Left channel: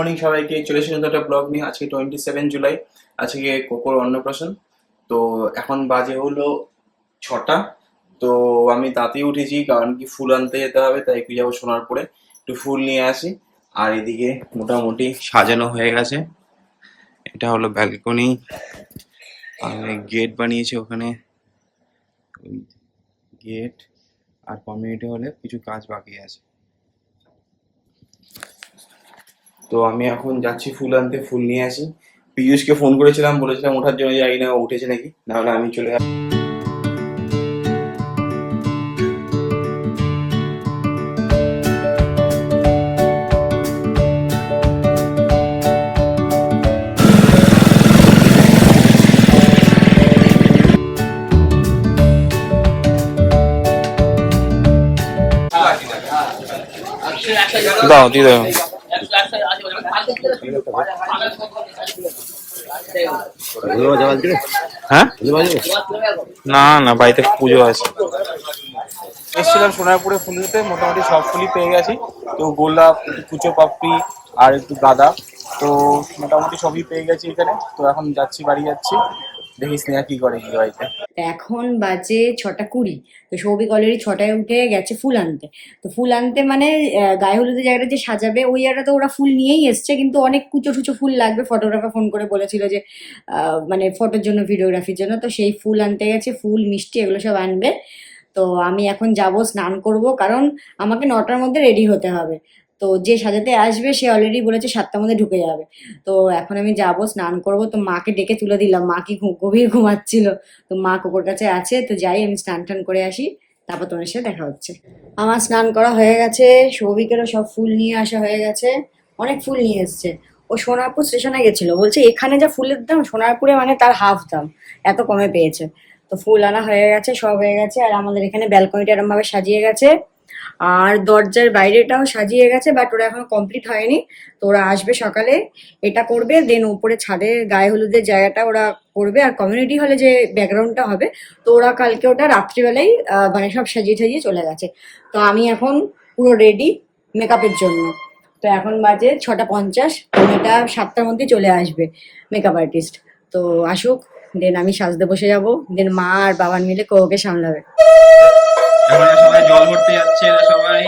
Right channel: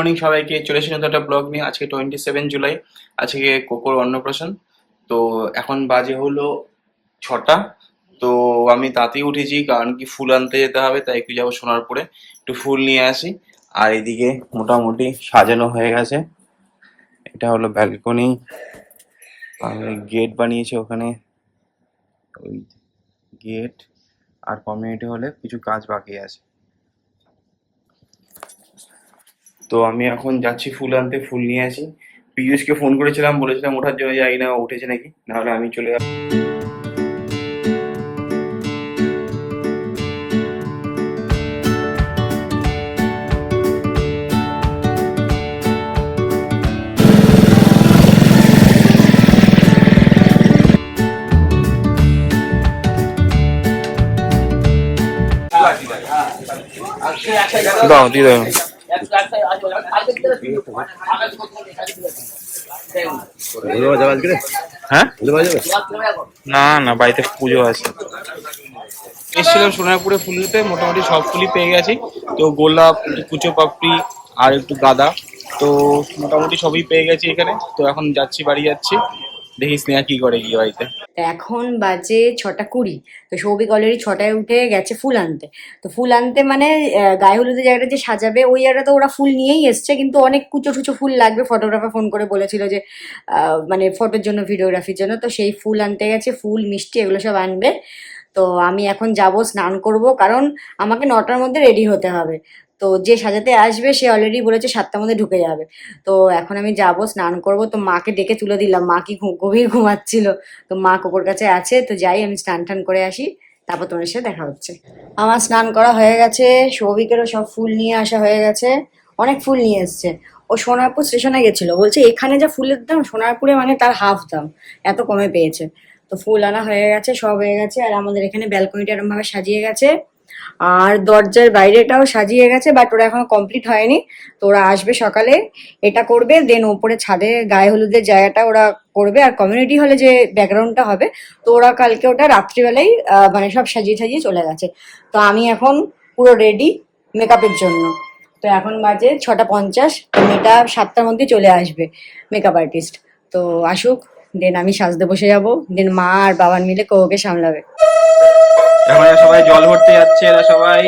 Morning সবাইকে, চলে এসেছি নতুন একটা ব্লগ নিয়ে। আজকে 27 জুলাই, আজকে কোকোর অন্নপ্রাশন। তো এখন বাজে হলো 6টা। তো আমি তাতেই উঠেছি, কারণ কি ফুল আনতে যেতে হবে, তাই একটু যাবো সোনারপুরে, একটু ফুল নিয়ে আসি। আর এদিকে মোটামুটি সাজানো হয়ে গেছে। এটা হলো ব্যালকনি, আর গেট বানিয়েছে ওখানে, ওই গেট। আর কমিউনিটি হলে কিছু কাজ বাকি আছে। তো আমি এখন যাচ্ছি ফুল আনতে, ফুল নিয়ে আসি। পীযূষকে ফোন করেছিলাম, বলেছিলাম ওঠার জন্য, জানি না ও উঠেছে নাকি, নাহলে আমি চলে যাব। দাও, দিয়ে দাও। হ্যাঁ, না না, বাড়িতে পুজো আছে। এসেছিলাম সোনারপুরে ফুল নিতে, মোটামুটি সব ফুলই পেয়ে গেছি। তো গোলাপ, একটু কুচো পাপড়ি, আর একটু গাঁদা, তো মোটামুটি সবই পেয়ে গেছি এখানে। তো এখন যাচ্ছি, বাড়ি যাচ্ছি, দেখি স্নেহা কি করে গিয়ে বাড়িতে। এখন বাজে 6:20। তো সৌভিক অলরেডি 6টায় উঠে গেছে ফুল আনতে। তো ফুল আনতে মানে গায়ে হলুদের জায়গাটা যে সাজাবে ওই জায়গাটা তো ওরা ফুল নিয়েই এসছে, কিন্তু অনেক কুচো টুচো ফুল লাগবে। ফটোগ্রাফার ফোন করে বলেছিল যে মানে ফটোর জন্য, ভিডিওগ্রাফির জন্য। তো সেই ফুল আনতে গেছে, ফুল মিষ্টি এগুলো সব আনবে। তো আমি এখন যাব, স্নান করব, কারণ আমাকে 9টার মধ্যে রেডি হতে হবে। তো যে সাজাতে আসবে সে অলরেডি বলেছে 7টার মধ্যে ঢুকে যাবে। তো এখন আমি যাব, স্নান করব। তো মাকে ডেকে তুলে দিলাম, মা কি গভীর ঘুমাচ্ছিল। তো মা কোকোর কাছে আছে, তো যাই আমি স্নান টান করে আসি, তারপর তোমার সাথে দেখা হচ্ছে। আমার স্নান করা হয়ে গেছে, সৌভিকেরও সব ফুল নিয়ে আসা হয়ে গেছে, অনেক ফুল নিয়ে এসছে। ও সোনারপুর স্টেশনে গেছিল, বলছে এখানে যা ফুলের দাম সোনারপুরে মানে তার হাফ দাম, এত কমে পেয়েছে। তো ফুল আনা হয়ে গেছে, সব হয়ে গেছে। আর আমাদের এখানে ব্যালকনিটা এরকম ভাবে সাজিয়ে গেছে, আর দরজার বাইরেটাও সাজিয়ে গেছে, বাট ওরা এখনো কমপ্লিট হয়নি। তো ওরা আসবে সকালে, এটা করবে, দেন ওপরে ছাদে গায়ে হলুদের জায়গাটা ওরা করবে। আর কমিউনিটি হলে যে ব্যাকগ্রাউন্ডটা হবে, তো ওরা কালকে ওটা রাত্রিবেলায় মানে সব সাজিয়ে সাজিয়ে চলে গেছে। তো আমি এখন পুরো রেডি মেকআপের জন্য। তো এখন বাজে 6:50, তো মেয়েটা 7টার মধ্যে চলে আসবে, মেকআপ আর্টিস্ট। তো আসুক, দেন আমি সাজতে বসে যাব, দেন মা আর বাবার মিলে কোকে সামলাবে। এখন এরা সবাই জল ভরতে যাচ্ছে, এরা সবাই।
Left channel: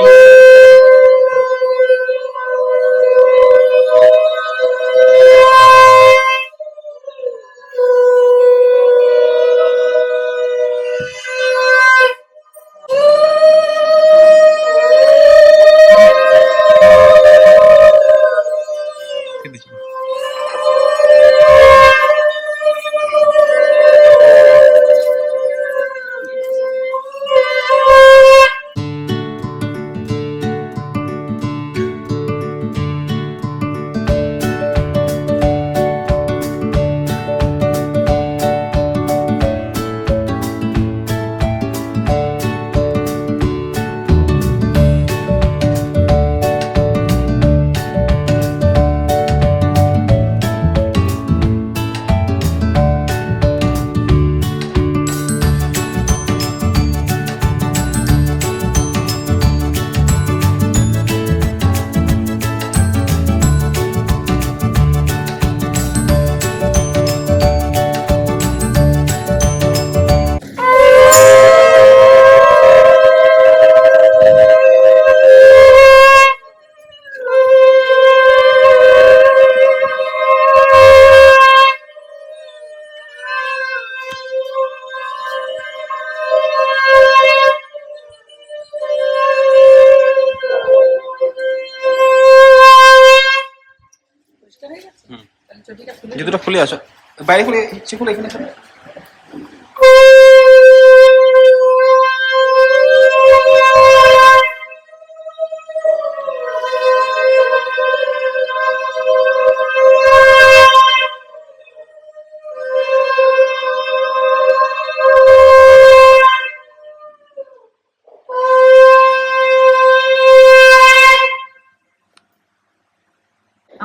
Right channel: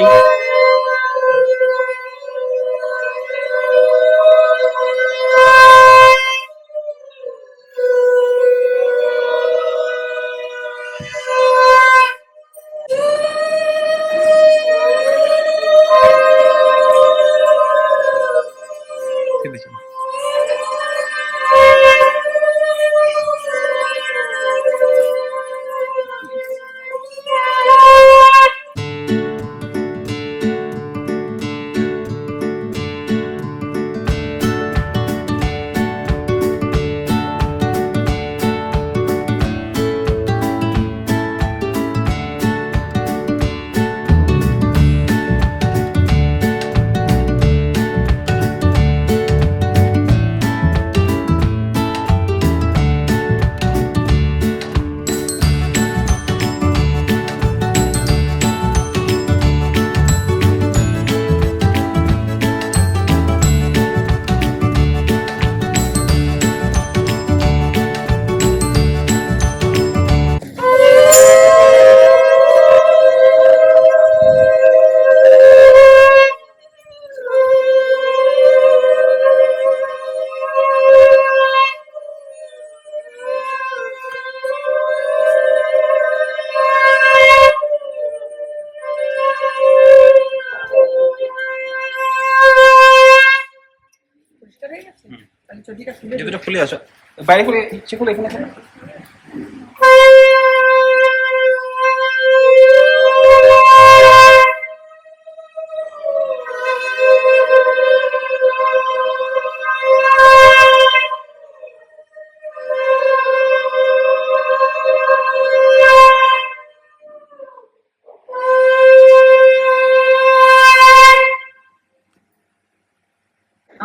জুতোটা খুলে আসো, বাইরে খুলে, সে খুলে, এখানে খুলে।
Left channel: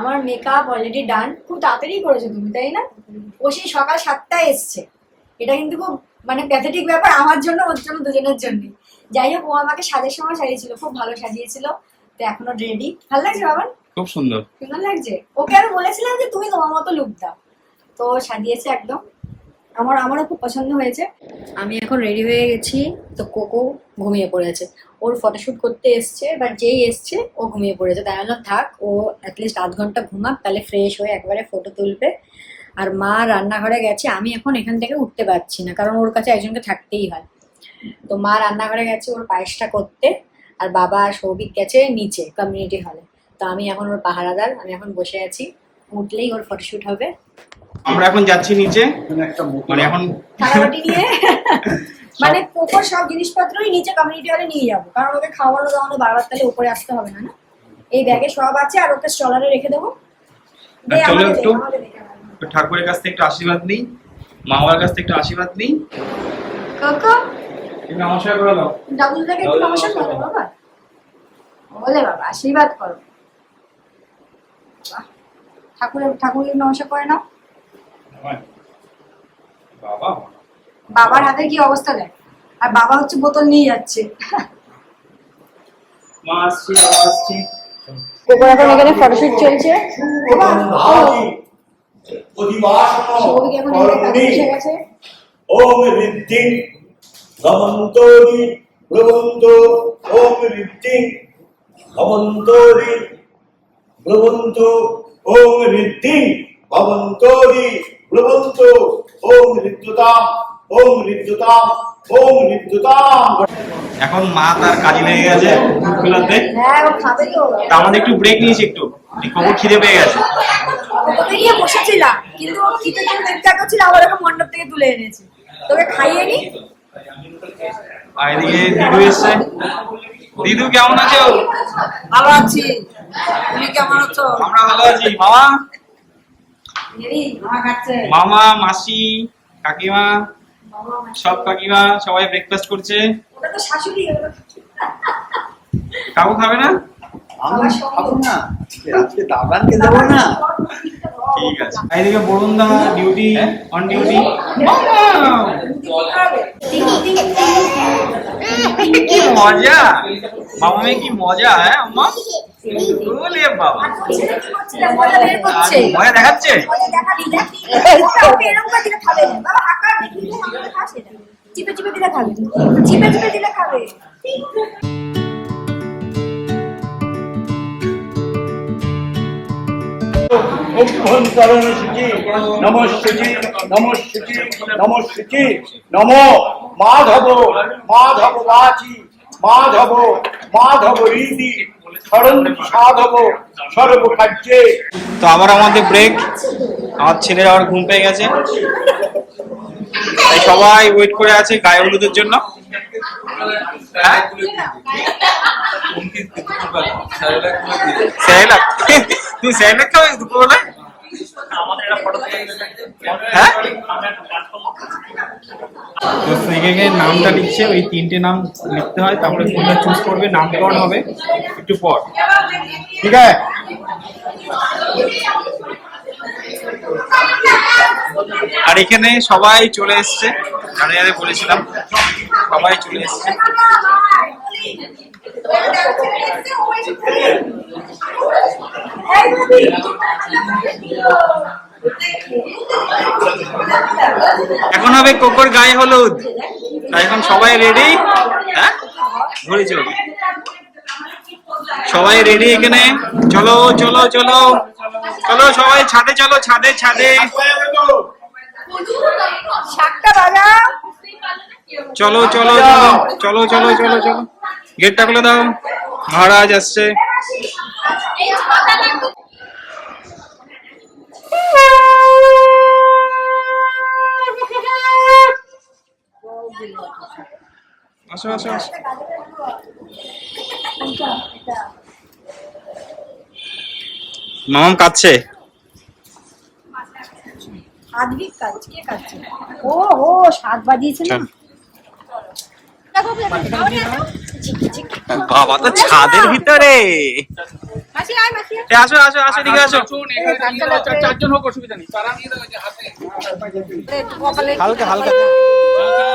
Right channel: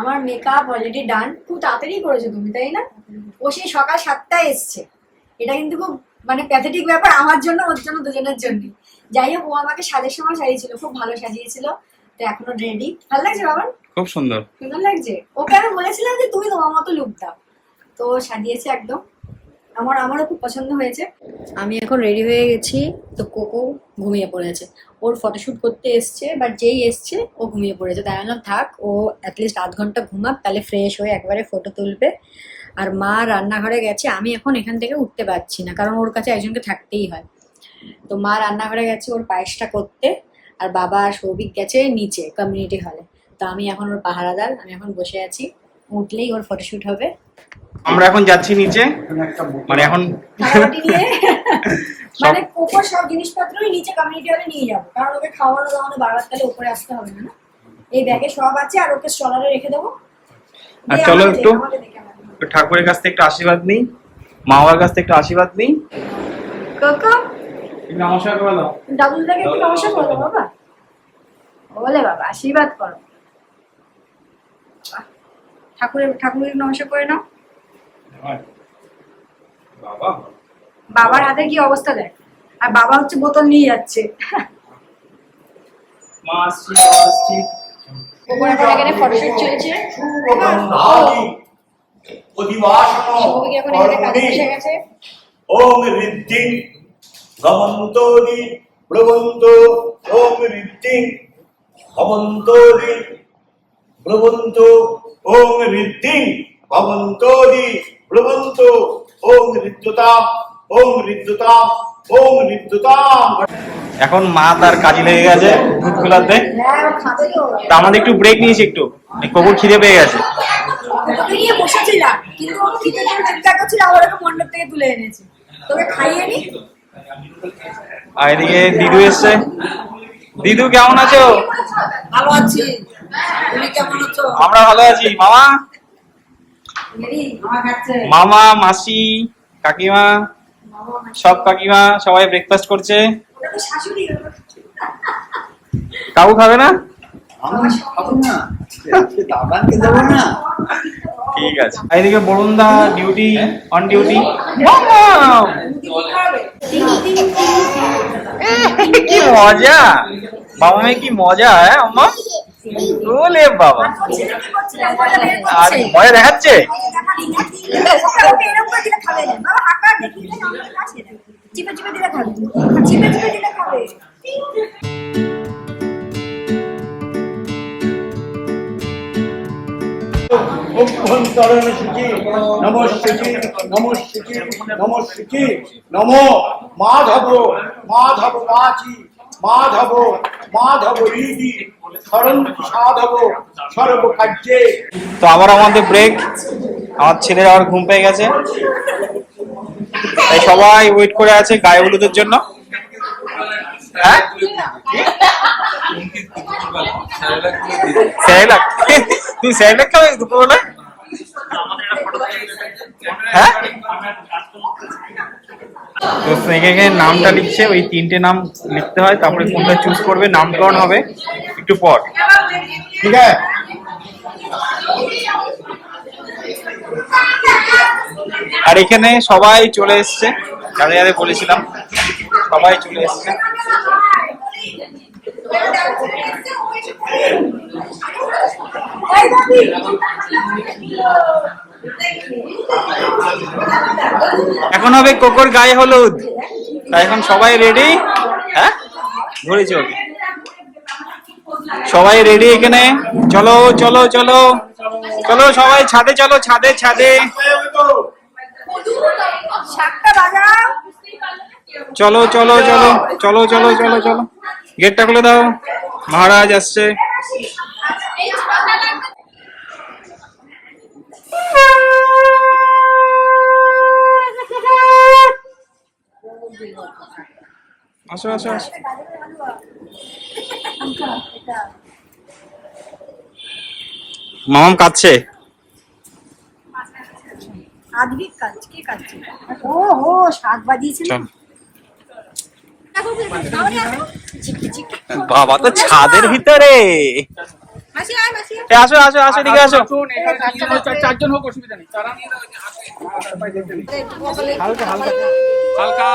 আমার মেকআপ অলরেডি ডান। খুব তাড়াতাড়ি করেছো তুমি, তাই না? ও সেই সকাল 7টায় এসছে। এটা কিন্তু খুব মানে প্যাথেটিক ব্যাপার আমার জন্য, ওর জন্য, দুজনের জন্য। যাই হোক, ও আমাকে সাজের সময় সাজিয়েছিল, খুব ভালো সাজিয়েছিল। তো এখনো রেডি। ভালো লাগছে বাবা? খুব সুন্দর। সুন্দর লাগছে। ওকে আমি বলেছিলাম যে তুমি তোমার মতো লুক দাও, তো সাজিয়েছে একদম। আমারও খুব পছন্দ হয়েছে। আমি এখন রেডি হয়ে গেছি, তো কোকো ঘুমিয়ে পড়েছে। ওর ফটোশ্যুট করতে এসছে, বাট যেই এসছে ও ঘুমিয়ে পড়েছে। তাই বললাম থাক, ও অ্যাটলিস্ট আধ ঘন্টা ঘুমাক, তাহলে ফ্রেশ হয়ে একবারে ফটো তুলবে। আর মা রান্নাঘরে গেছে, আমি এখন এখান থেকে উঠতে পারছি না, কারণ ওর কাছে একজনকে থাকতেই হয়। তো মা রান্নাঘরে গেছে ওর পায়েসটা করতে, আর বাবা আর সৌভিক গেছে নিচে কমিউনিটি হলে। তো আমি এখন ওর পাহারাদার, আমি এখন বসে আছি, উঠলেই ওর ফটোশ্যুট হবে। আমরা এখন যাচ্ছি নিচে, মানে এখন থালাবাটি নিয়ে মানে কোকোর সব জিনিসপত্রই নিচে কমিউনিটি হলে নিয়ে যাবো, কারণ ওকে খাওয়ানো দাওয়ানো বারবার তাহলে উপরে আসতে হবে না। না, এই ব্যাগে সব আছে, আর ওকে স্টলারে রেখে দেবো। আর চলো একটু ঠাকুরের কাছ থেকে একটু আশীর্বাদ নিই, মা বাবার কাছ থেকে একটু আশীর্বাদ নিই। কোকো নমস্কার করে দাও, ডাবল থেকে একটু নমস্কার করো বাবা, বলে বাবা আশীর্বাদ করো। ঠাকুরের নমস্কার করে নাও। বাবা বাবার হাতে কি অবস্থা দেখ, আর বাবা হচ্ছে বোতল নিয়ে যাচ্ছে। মা আসছি, বাবা আসছি। এখানে ফটোশুট চলছে। সৌভিক এখন এখানে কাজে বসে গেছে। ওম ঋদ্ধি ভবন্তোরি ব্রবন্ত, ওম ঋদ্ধি ভবন্তোরি ব্রবন্ত, ওম ঋদ্ধি ভবন্তোরি ব্রবন্ত, ওম ঋদ্ধতাম, ওম ঋদ্ধতাম, ওম ঋদ্ধতাম। এখন মা তার কাজে লেগে গেছে দুধ খোলাতে। হ্যাঁ ও খাবে তো। তা আমাদের একটু ব্রেক নিয়েছি, একটু কোকুর খিদে পেয়ে গেছে। ওকে নিয়ে বসেছিলাম, কিন্তু ও খিদে জন্য চিন্তা করছিল, আবার ওকে মণ্ডপ থেকে তুলে এনেছি। তোকে খাইয়ে নি। আর এদিকে দিদু এসছে। দিদু কেমন আছো? ভালো আছি, তুমি কেমন আছো? আমরা ভালো আছি। মামা, মামা খাচ্ছে। মামা, মাসি, কাকিমা, সব কাকিমা সবাই ব্রেকফাস্ট করছে। ওটা তো শাশুড়ি। কাকু খাবে না? আমি খাবো না, আজকে দাদানকে দেবো না। ঠিক আছে। এইদিকে বরুণ দা ডিউটি, অন ডিউটি। কি মজা, মামা মেয়ে কি মজা। হ্যাঁ আম্মা, ওলে বাবা, আর মজা দেখাচ্ছে। চিপে চিপে দিলে খাবে, চিপে চিপে দিলে খাবে। অভ্যন্তরণ শুচি নমঃশুচি, নমঃশুচি, নমঃশুচি। নম মাধব, মাধব বাচি, মাধব, মাধব রীতি, সরন্তি সাধব সর্বকার্যে। তো আবার আমাদের ব্রেক। আমার ছেলের আবার ঘুম পেয়ে গেছে, তাই সবাই ওয়েট করে আছে গায়ে হলুদের জন্য। হ্যাঁ স্যারেলাক, তুমি স্যারেলাক খাবে দুপুরবেলায়? হ্যাঁ, তো এখানে নামটা লিখছে, ওই 3টে নাম লিখতে হয়, তারপরে কোনটা চুজ করবে, নামকরণ হবে একটু পর। ঠিক আছে, আর এখানে সবাই চলে এসছে, যাদের যাদের বলেছিলাম সবাই চলে এসছে। এখন হবে কোকোর গায়ে হলুদ, তাই এখন সবাই রেডি। হ্যাঁ ধরেছি ওকে, সবাই রেডি এখানে। চলো চলো চলো চলো সবাই ছাদে চলো, ছাদে ছাদে চলো চলো চলো চলো চলো চলো চলো, গেটটা খুলে দাও, মহারাজ আসছে। আসো আসো আসো। মামাম কাঁদছে। আধবিক কাজ কে কাটছে? ও হো, 7 বাজিয়েছে না। বাবা তো ছাদের ভিতরে। মাসি আয়, মাসি আয়। আসো আসো আসো, এদিকে আসো। 4 জন হোক, অসুবিধা নেই। তারা হালকা হালকা হালকা।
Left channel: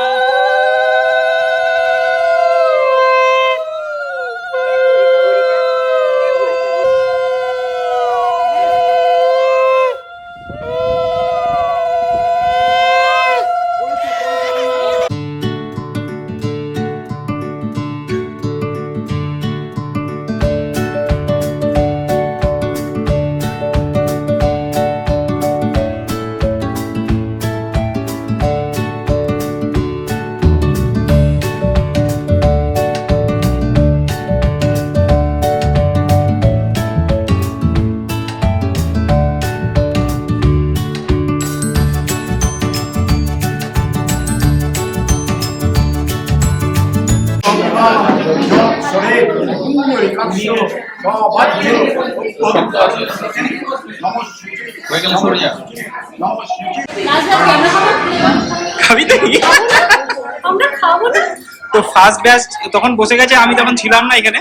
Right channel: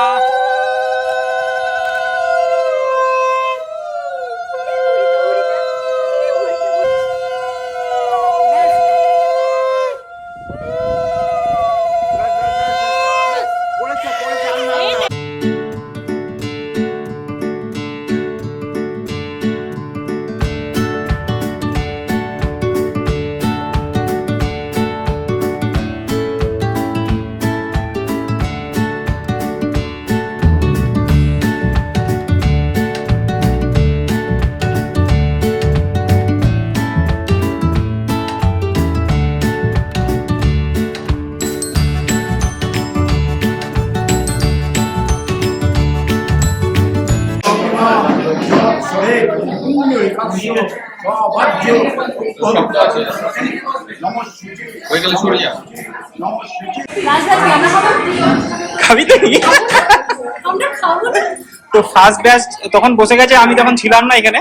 খাবি তুই? তো ফার্স্ট ব্যাচ তখন বসে গেছে, আমি তখন ছিলাম না এখানে।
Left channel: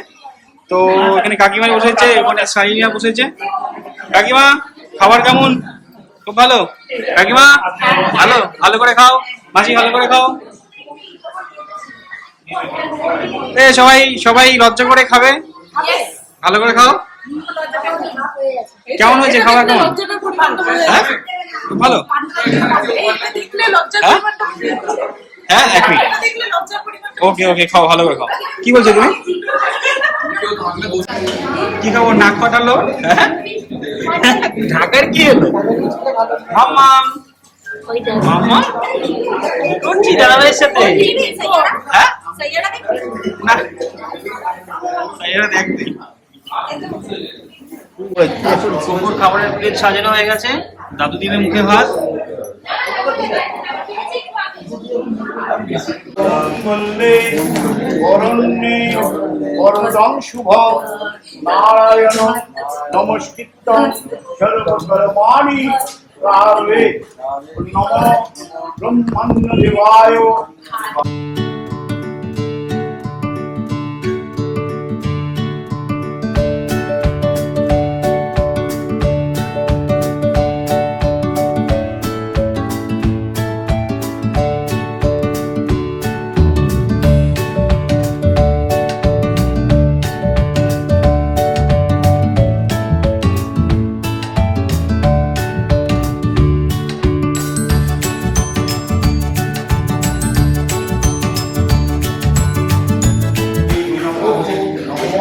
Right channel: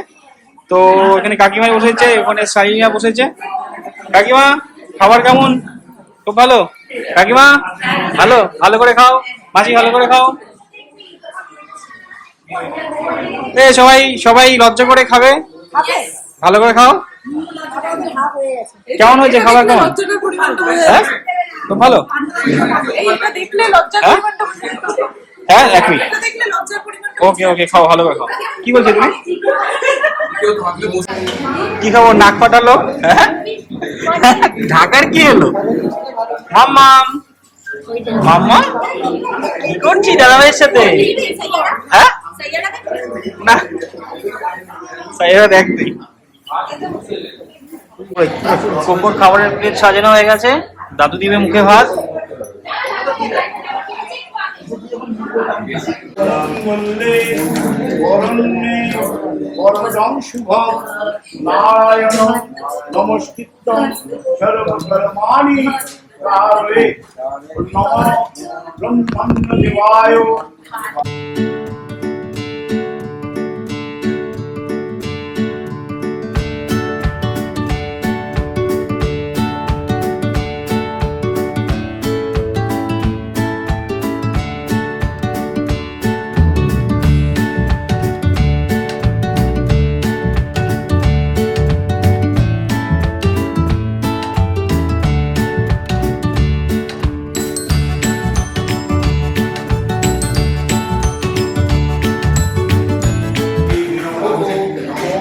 তো এখানে কাকিমা বসেছে, ওখানে সাইনিয়া বসেছে। কাকিমা খাবার কেমন? খুব ভালো। কাকিমা ভালো, ভালো করে খাও। মাসি ভালো করে খাও। এ সবাই সবাই লজ্জা করে খাবে, ভালো করে খাও। কেমন হয়েছে খাবার? কেমন? হ্যাঁ খুব ভালো। হ্যাঁ হ্যাঁ এক মিনিট, ওকে ওকে খাও, ভালো করে খাও। কি বলছো তুমি? কি খাবো? নাক ফাটালো। হ্যাঁ ঢাকার কি এলো? মাম্মাম মাম্মা কি করছি দাদা ভাইয়ের সাথে? হ্যাঁ না সাইরা দেখ তুই। কোকোর খাবারের প্লেট সাজানো হয়ে গেছে, দাদু দিবে মুখে ভাত। শুভম নারায়ণ নমস্কৃত্যং সর্বকর্মাণি কারয়ে নমঃ ব্রহ্মণ্য দেবায়।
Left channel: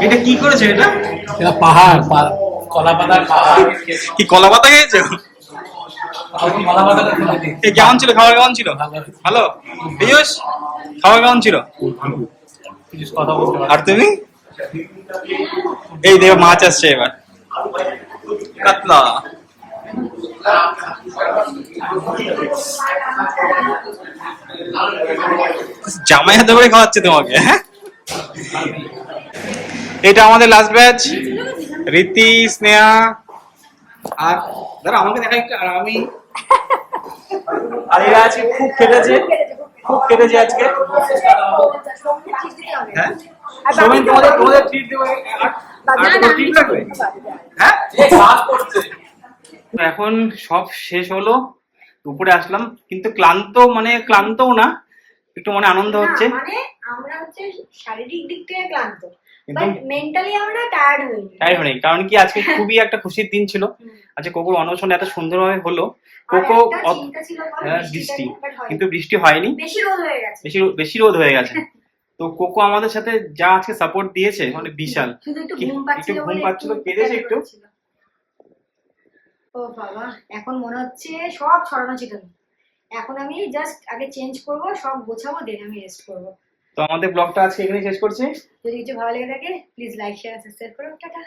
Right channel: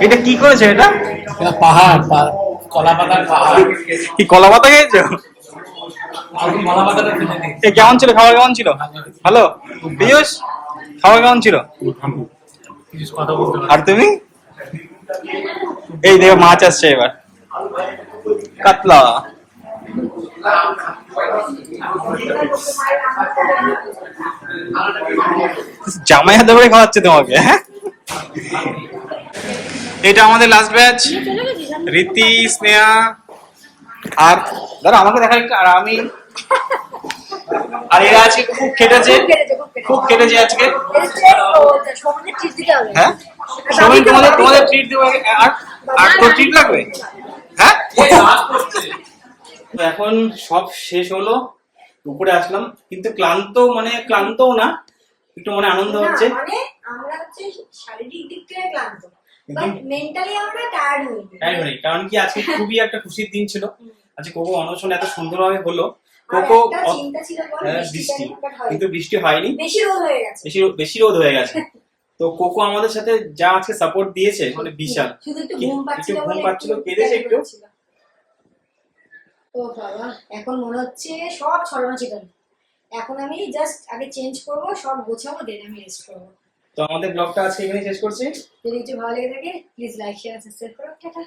এটা কি করেছে? এটা এটা পাহাড়, কলা পাতার পাহাড়। কি কলা পাতা খেয়েছো? কলা পাতাটা ফেলে দিই। এ কেমন ছিল খাবার? কেমন ছিল? ভালো। পীযূষ খাবার কেমন ছিল? কিছু কথা বলতে আর তুমি? এই দেখো মাছ আসছে এবার, কাতলা। জামাই হাতে করে খাওয়াচ্ছে তোমাকে। হ্যাঁ এটা আমাদের লাস্ট ব্যাচ, রীতি, স্নেহা আর দাদা আমাকে দেখা একটু। আর আমি আর এরা আজকে খুব কেটেছে, খুব কেটেছে আজকে। হ্যাঁ সোমেন তোমাদের তোমাদের ট্রিট দেবো। আর আর তোর ট্রিট লাগবে? হ্যাঁ তো এখন সব শেষ হলো, উপরে আসলাম, কিন্তু ক্লান্ত, মানে ক্লান্তও না, একটু মনে আনন্দ হচ্ছে। মানে আমরা হচ্ছে শারীরিক দিক থেকে ক্লান্ত, কিন্তু বাট মেন্টালি আমরা টায়ার্ড হইনি। টাইম নেই, কারণ কি আজকে খুবই একটা খুশির দিন ছিল। আজকে কোকোর অন্নপ্রাশন এত সুন্দরভাবে হলো। কোকো বৃষ্টি, কিন্তু বৃষ্টি হয়নি, বেশি রোদ হয়ে গেছে, বেশি রোদ হয়ে গেছে। তো কোকো আমাদের সাথে যা আজকে সাপোর্ট দিয়েছে মানে বিশাল। শুধু একটু কি- ঘুম পাচ্ছিল, একটু ঘুম পাচ্ছিল, কেঁদেছে একটু। ও বাবা, এখন মনে হচ্ছে সব ছড়ানো ছিটানো। এখন আমি জাস্ট আগে চেঞ্জ করব, সব গোছাবো, দেন আমি রেস্ট করব। তো আমাদের ব্লগটা আজকে এখানে শেষ করছি। যদি কিছু ভালো লেগে থাকে প্লিজ লাইক শেয়ার সাবস্ক্রাইব করো। টাটা।